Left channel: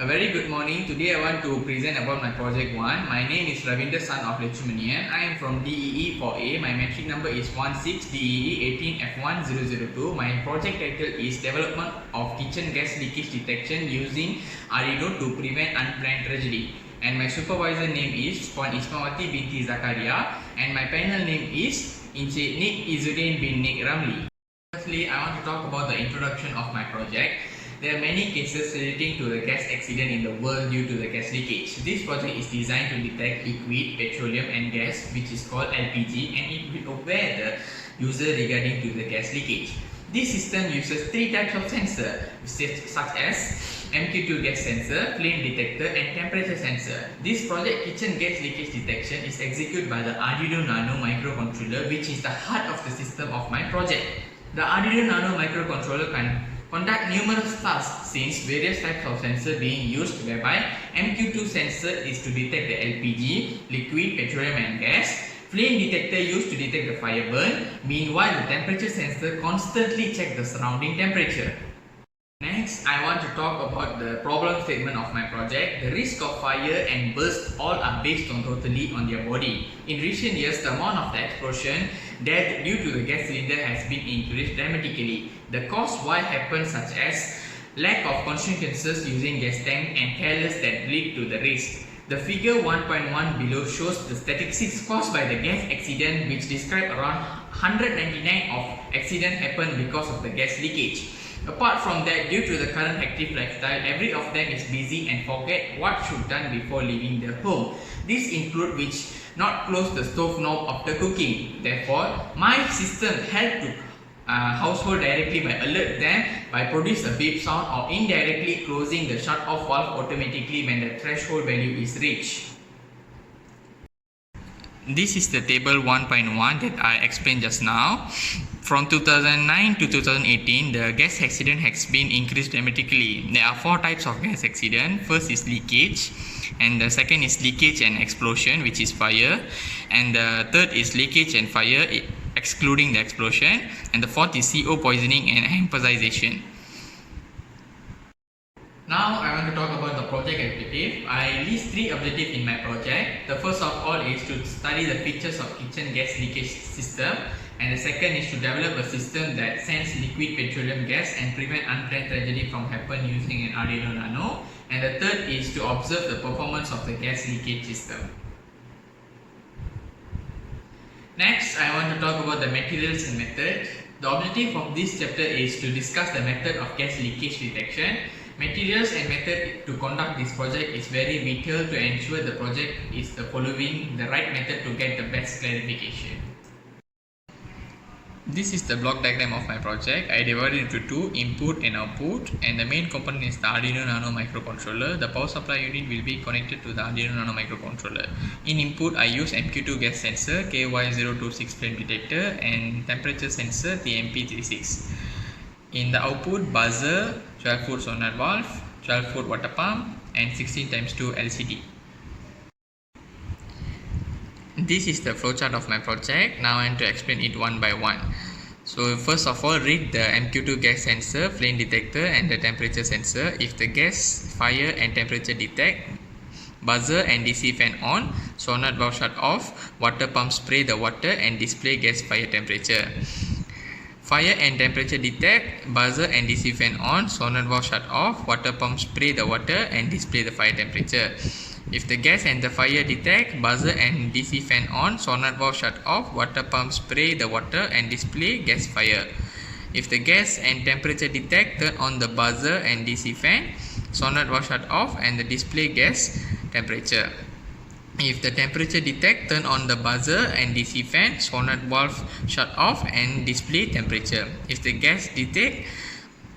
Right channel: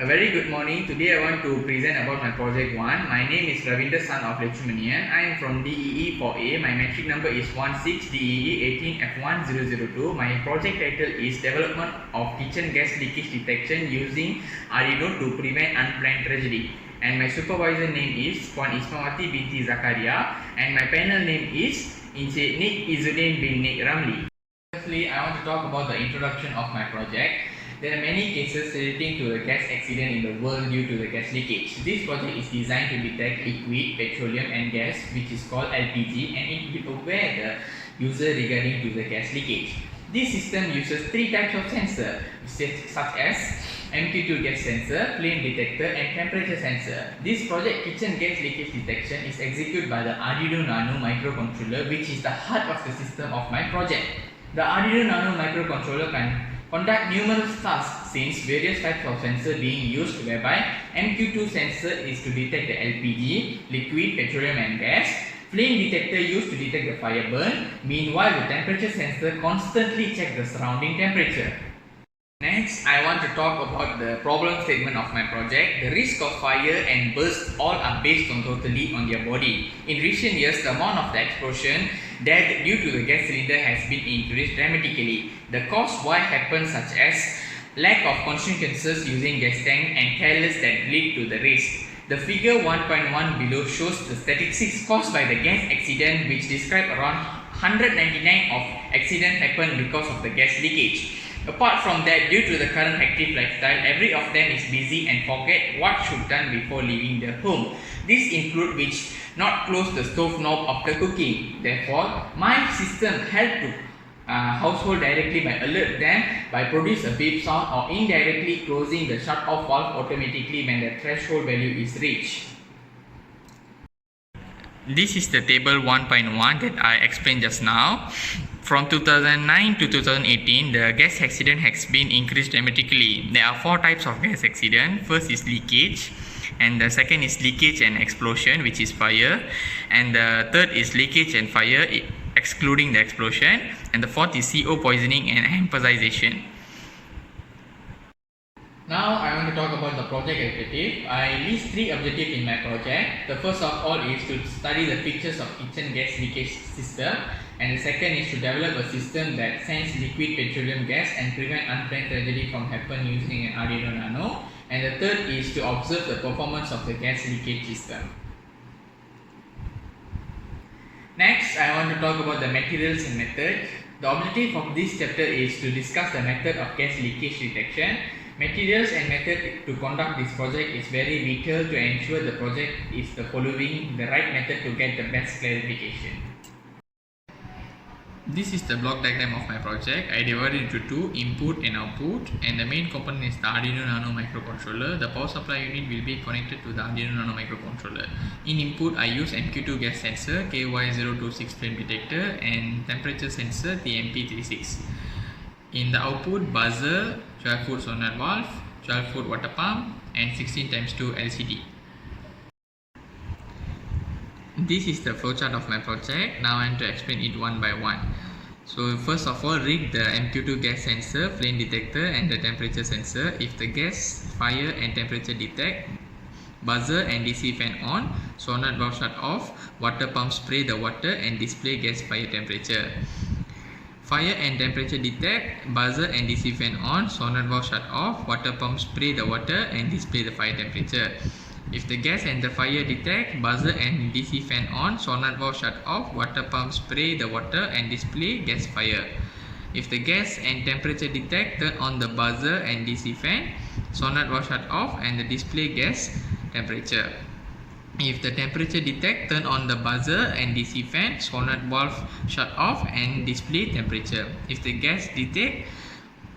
A very good morning. Today I want to present about my project 1. My name is Ravinder, son of Lakshmanian. I am from DEE 4A. My metric number is 16DEE18F1002. My project title is Development of Kitchen Gas Leakage Detection using Arduino to prevent unplanned tragedy. And my supervisor name is Puan Ismawati binti Zakaria, and my panel name is Encik Nik Izzuddin bin Nik Ramli. Firstly, I want to talk about the introduction of my project. There are many cases relating to the gas accident in the world due to the gas leakage. This project is designed to detect liquid, petroleum and gas, which is called LPG, and it will aware the user regarding to the gas leakage. This system uses 3 types of sensor such as MQ2 gas sensor, flame detector and temperature sensor. This project kitchen gas leakage detection is executed by the Arduino Nano microcontroller, which is the heart of the system of my project. The Arduino Nano microcontroller can conduct numerous tasks since various types of sensor being used, whereby MQ2 sensor is to detect the LPG, liquid, petroleum and gas. Flame detector used to detect the fire burn. Meanwhile, the temperature sensor constantly check the surrounding temperature. Next, I want to talk about the problem statement of my project. The risk of fire and burst all are based on totally on their body. In recent years, the amount of the explosion dead due to the gas cylinder has been increased dramatically. The cause why happens such as lack of consequences using gas tank and careless that lead to the risk. The figure 1.1 below shows the statistics caused by the gas accident, which describe around 199 of accident happened because of the gas leakage. Apart from that, due to the current active lifestyle, every of them is busy and forget what should done before leaving their home. This include which not close the stove knob after cooking. Therefore, my system help to household directly by alert them by produce a beep sound or indirectly closing the shut off valve automatically when the threshold value is reached. This is the table 1.1 that I explained just now. From 2009 to 2018, the gas accident has been increased dramatically. There are 4 types of gas accident. First is leakage, and the second is leakage and explosion, which is fire, and the third is leakage and fire excluding the explosion, and the fourth is CO poisoning and emphasization. Now I want to talk about the project objective. I list 3 objectives in my project. The first of all is to study the features of kitchen gas leakage system, and the second is to develop a system that sends liquid petroleum gas and prevent unplanned tragedy from happen using an Arduino Nano, and the third is to observe the performance of the gas leakage system. Next, I want to talk about the materials and method. The objective of this chapter is to discuss the method of gas leakage detection. Materials and method to conduct this project is very vital to ensure the project is following the right method to get the best clarification. This is the block diagram of my project. I divided into 2, input and output, and the main component is the Arduino Nano microcontroller. The power supply unit will be connected to the Arduino Nano microcontroller. In input, I use MQ2 gas sensor, KY026 flame detector, and temperature sensor, TMP36. In the output, buzzer, 12-foot sonnet valve, 12-foot water pump, and 16x2 LCD. This is the flowchart of my project. Now I want to explain it one by one. So first of all, read the MQ2 gas sensor, flame detector and the temperature sensor. If the gas, fire and temperature detect, buzzer and DC fan on, sonnet valve shut off, water pump spray the water and display gas fire temperature. Fire and temperature detect, buzzer and DC fan on, sonnet valve shut off, water pump spray the water and display the fire temperature. If the gas and the fire detect, buzzer and DC fan on, sonnet valve shut off, water pump spray the water and display gas fire. If the gas and temperature detect, turn on the buzzer and DC fan, sonnet valve shut off and the display gas temperature. If the temperature detect, turn on the buzzer and DC fan, sonnet valve shut off and display temperature. If the gas detect,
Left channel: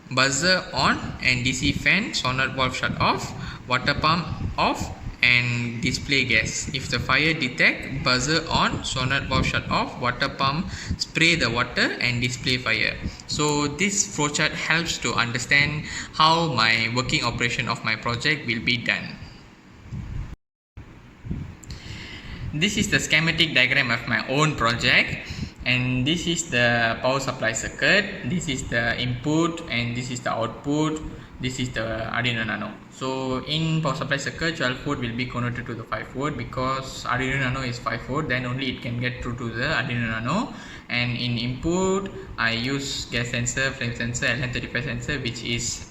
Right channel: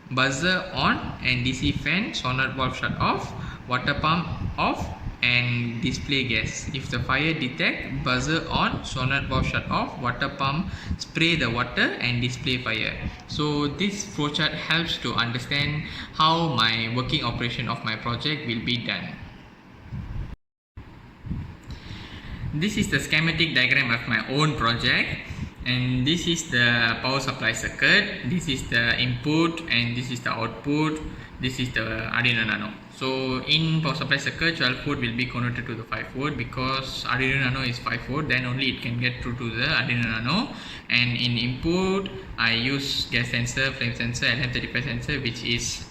buzzer on and DC fan, sonnet valve shut off, water pump off and display gas. If the fire detect, buzzer on, sonnet valve shut off, water pump spray the water and display fire. So this flowchart helps to understand how my working operation of my project will be done. This is the schematic diagram of my own project. And this is the power supply circuit, this is the input, and this is the output. This is the Arduino Nano. So in power supply circuit, 12 volt will be converted to the 5 volt, because Arduino Nano is 5 volt, then only it can get through to the Arduino Nano. And in input, I use gas sensor, flame sensor, LM35 sensor, which is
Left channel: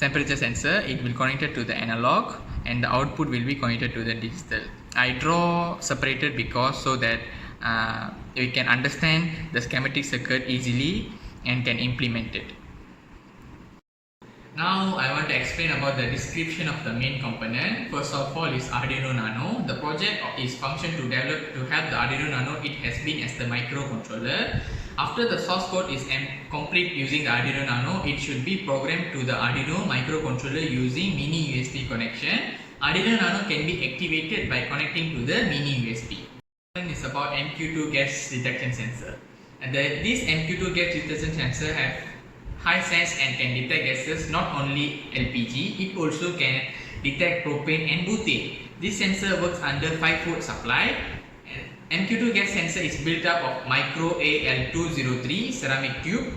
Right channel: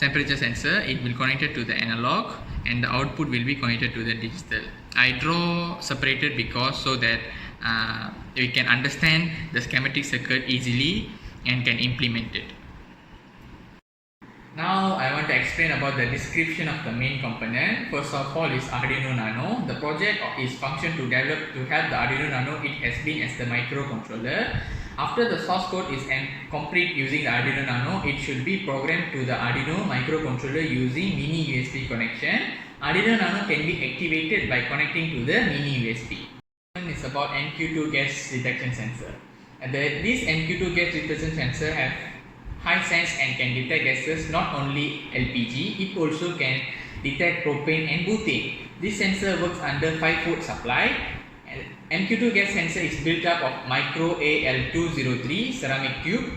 temperature sensor. It will connected to the analog, and the output will be connected to the digital. I draw separated because so that we can understand the schematic circuit easily and can implement it. Now I want to explain about the description of the main component. First of all is Arduino Nano. The project is function to help the Arduino Nano. It has been as the microcontroller. After the source code is complete using the Arduino Nano, it should be programmed to the Arduino microcontroller using mini USB connection. Arduino Nano can be activated by connecting to the mini USB. It's about MQ2 gas detection sensor. This MQ2 gas detection sensor have high sense and can detect gases, not only LPG, it also can detect propane and butane. This sensor works under 5 volt supply. MQ2 gas sensor is built up of micro AL203 ceramic tube,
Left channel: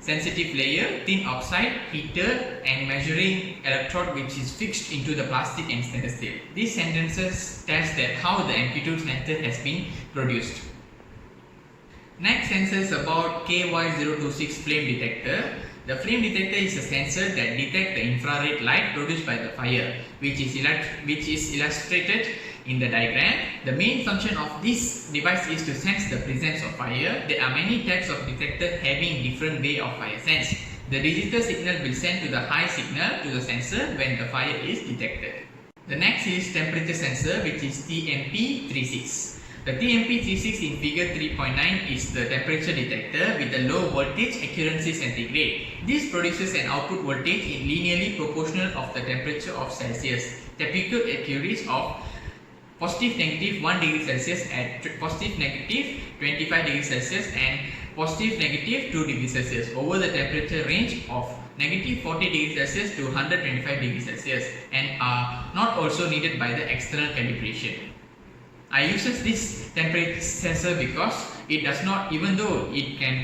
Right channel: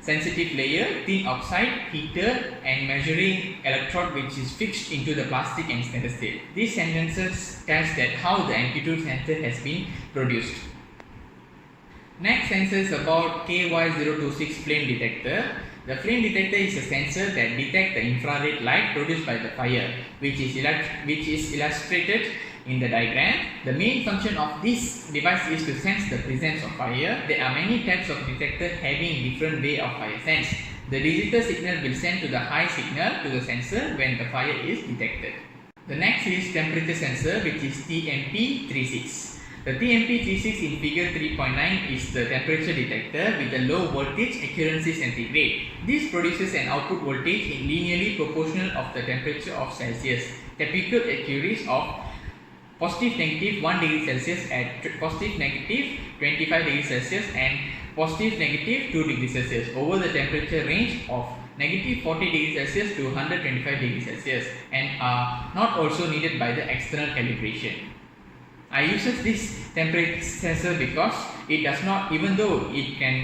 sensitive layer, thin oxide, heater, and measuring electrode which is fixed into the plastic and stainless steel. These sensors test that how the MQ2 sensor has been produced. Next sensor is about KY026 flame detector. The flame detector is a sensor that detects the infrared light produced by the fire, which is illustrated in the diagram. The main function of this device is to sense the presence of fire. There are many types of detector having different way of fire sense. The digital signal will send to the high signal to the sensor when the fire is detected. The next is temperature sensor, which is TMP36. The TMP36 in figure 3.9 is the temperature detector with a low voltage accuracy centigrade. This produces an output voltage in linearly proportional of the temperature of Celsius. Typical accuracy of positive negative 1 degree Celsius at positive negative 25 degrees Celsius and positive negative 2 degrees Celsius over the temperature range of negative 40 degrees Celsius to 125 degrees Celsius, and are not also needed by the external calibration. I uses this temperature sensor because it does not, even though it can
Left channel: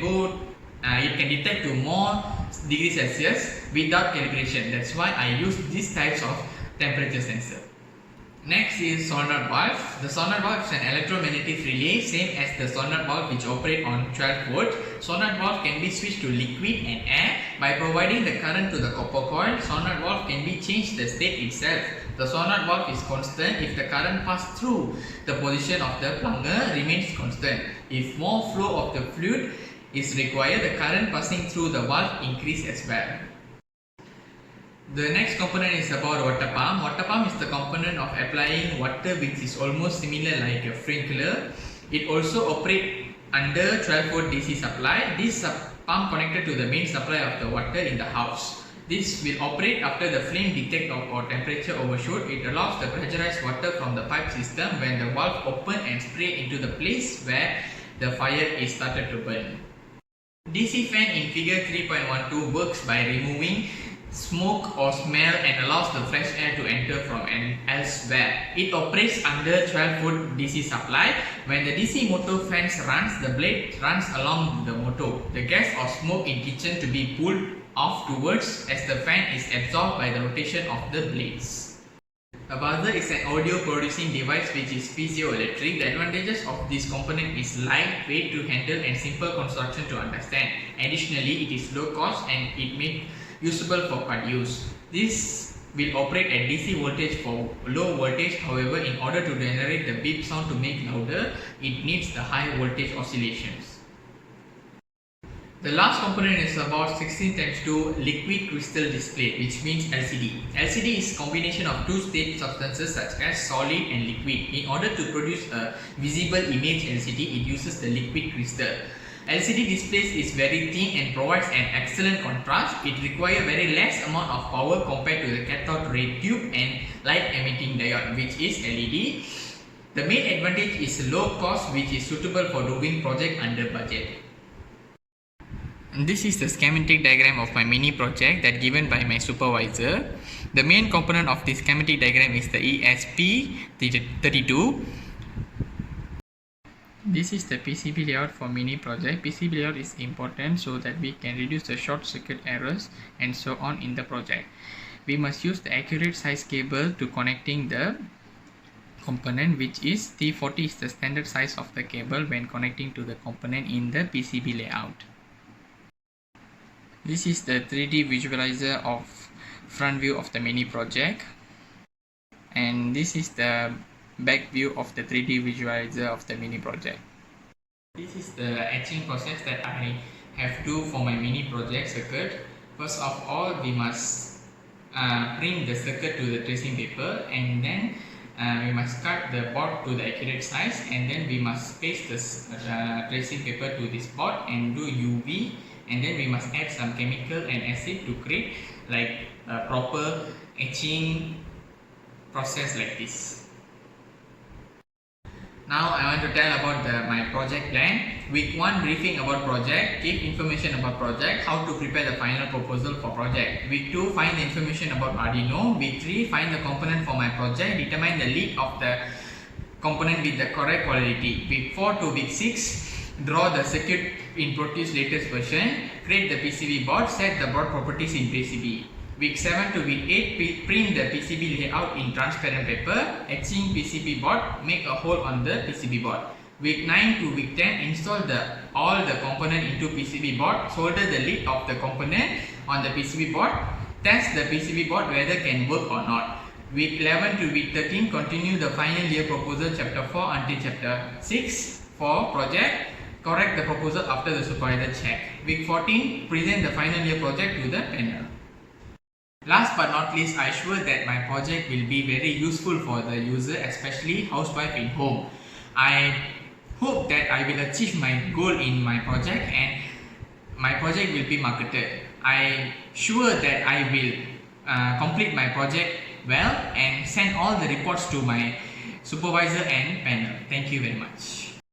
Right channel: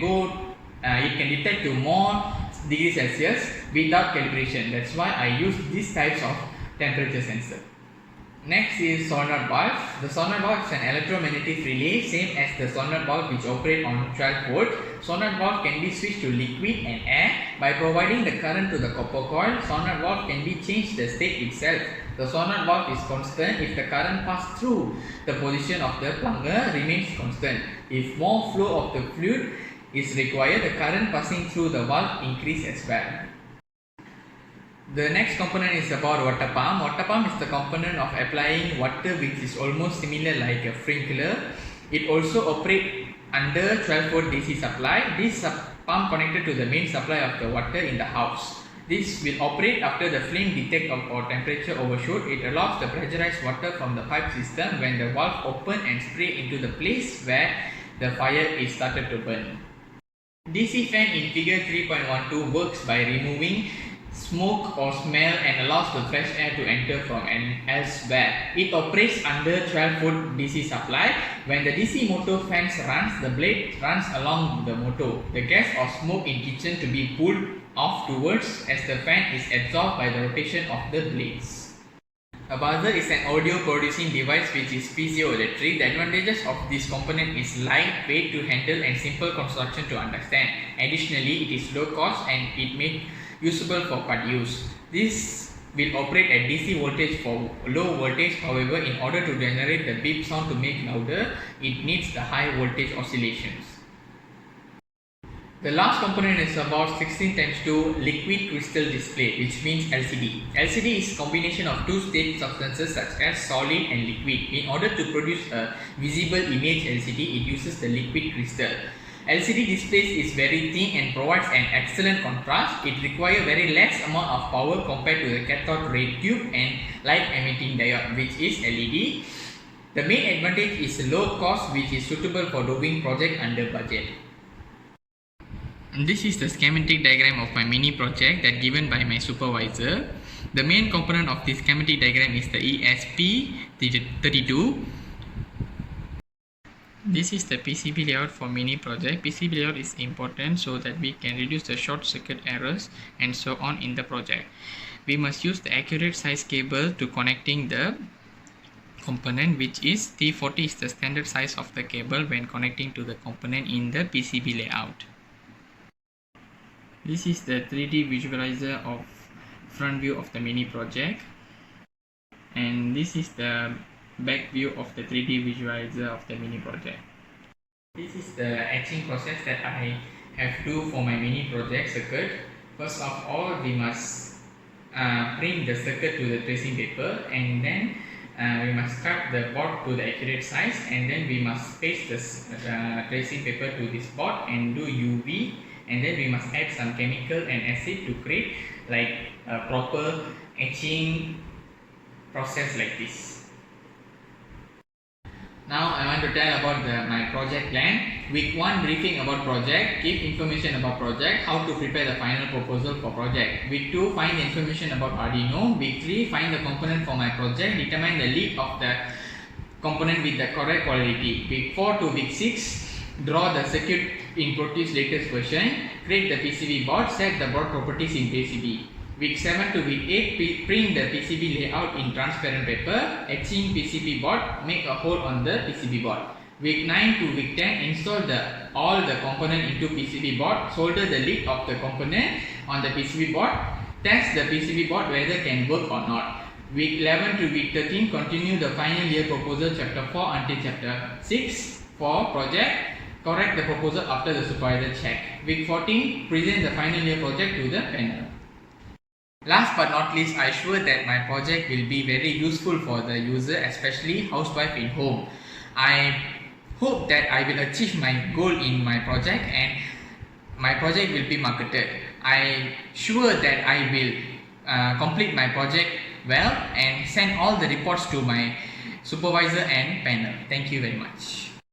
detect to more degrees Celsius without calibration. That's why I use these types of temperature sensor. Next is solenoid valve. The solenoid valve is an electromagnetic relay, same as the solenoid valve which operate on 12 volt. Solenoid valve can be switched to liquid and air. By providing the current to the copper coil, solenoid valve can be changed the state itself. The solenoid valve is constant if the current passed through the position of the plunger remains constant. If more flow of the fluid is required, the current passing through the valve increase as well. The next component is about water pump. Water pump is the component of applying water which is almost similar like a sprinkler. It also operates under 12 volt DC supply. This pump connected to the main supply of the water in the house. This will operate after the flame detect or temperature overshoot. It allows the pressurized water from the pipe system when the valve open and spray into the place where the fire is started to burn. DC fan in figure 3.12 works by removing smoke or smell and allows the fresh air to enter from elsewhere. It operates under 12 volt DC supply. When the DC motor fans runs, the blade runs along the motor. The gas or smoke in kitchen to be pulled off towards as the fan is absorbed by the rotation of the blades. A buzzer is an audio producing device which is piezoelectric. The advantages of this component is lightweight to handle and simple construction to understand. Additionally, it is low cost and it makes usable for cut use. This will operate at DC voltage for low voltage. However, in order to generate the beep sound to make louder, it needs the high voltage oscillations. The last component is about 16x2 liquid crystal display, which means LCD. LCD is combination of two state substances such as solid and liquid. In order to produce a visible image LCD, it uses the liquid crystal. LCD displays is very thin and provides an excellent contrast. It requires very less amount of power compared to the cathode ray tube and light emitting diode, which is LED. The main advantage is low cost, which is suitable for doing project under budget. And this is the schematic diagram of my mini project that given by my supervisor. The main component of this schematic diagram is the ESP32. This is the PCB layout for mini project. PCB layout is important so that we can reduce the short circuit errors and so on in the project. We must use the accurate size cable to connecting the component, which is T40 is the standard size of the cable when connecting to the component in the PCB layout. This is the 3D visualizer of front view of the mini project, and this is the back view of the 3D visualizer of the mini project. This is the etching process that I have to for my mini project circuit. First of all, we must print the circuit to the tracing paper, and then we must cut the board to the accurate size, and then we must paste the tracing paper to this board and do UV, and then we must add some chemical and acid to create like a proper etching process like this. Now I want to tell about my project plan. Week 1, briefing about project, give information about project, how to prepare the final proposal for project. Week 2, find the information about Arduino. Week 3, find the component for my project, determine the lead of the component with the correct quality. Week 4 to week 6, draw the circuit in Proteus latest version, create the PCB board, set the board properties in PCB. Week 7 to week 8, print the PCB layout in transparent paper, etching PCB board, make a hole on the PCB board. Week 9 to week 10, install all the component into PCB board, solder the lid of the component on the PCB board, test the PCB board whether can work or not. Week 11 to week 13, continue the final year proposal chapter 4 until chapter 6 for project, correct the proposal after the supervisor check. Week 14, present the final year project to the panel. Last but not least, I sure that my project will be very useful for the user, especially housewife in home. I hope that I will achieve my goal in my project and my project will be marketed. I sure that I will complete my project well and send all the reports to my supervisor and panel. Thank you very much.